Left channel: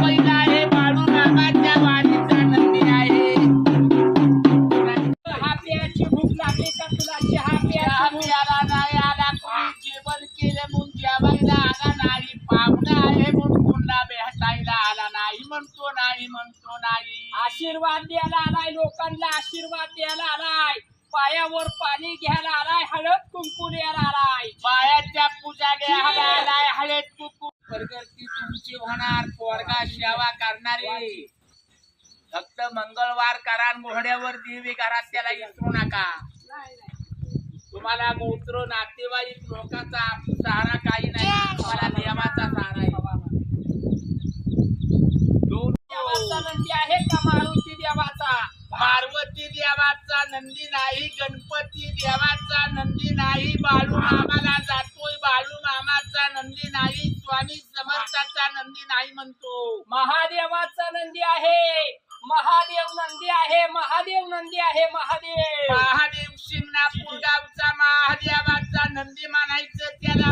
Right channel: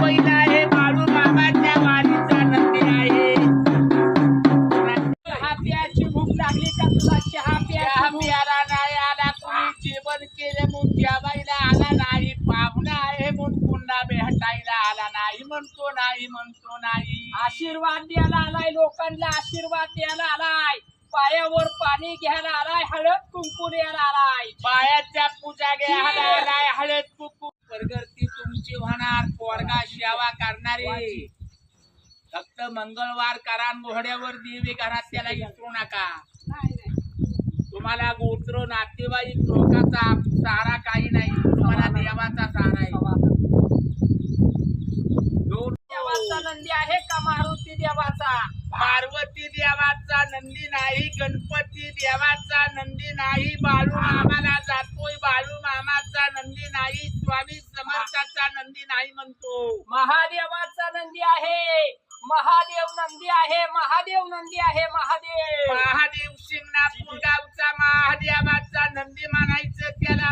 बैल आहे बाळू नामाच्या वारीचा नंदी आहे. चहा प्यायची भूक लागली का तुला? चहा चहा प्यायची भूक प्याला नाही आला कोणी जेवण केलं म्हणून जेवायला आला नाही. पाहुणा आहे म्हणून पुन्हा भेटायला आला नाही. म्हणतो नाही म्हणतो नाही. आशीर्वाद द्यायला आलाय, लोकांना आशीर्वाद द्यायला आलाय, पायावर पाणी घ्यायला आलाय, हळद कुंकू द्यायला आलाय, पायाच्या पूजा घ्यायला आलाय, हळद कुंकू. प्रगती तुमची होणार, पोरगा सेवा करणारी. फक्त मंगळवार करा, मोहड्यावर देवी घरात त्याला विसरू नका. तुम्हाला गोत्र नातेवाईक लोकांचा सहारा काही नाही, तुम्हाला देवाचा सहारा आहे. दोन देवाचा नंदी आहे का मारुती देवाचा? पार्वती देवाचा नंदी नाही, गणपती देवाचा नंदी नाही, बाळू मामाला जातोय बाळू मामाचा नंदी नाही, स्वामी समर्थाचा नंदी नाही म्हणतो. महादेवाचा नंदी आहे, महादेव नंदी आहे, महादेव नंदी आहे, महादेव. महादेव शिंगणापूर गावचा महादेवाचा नंदी म्हणायचं त्याला.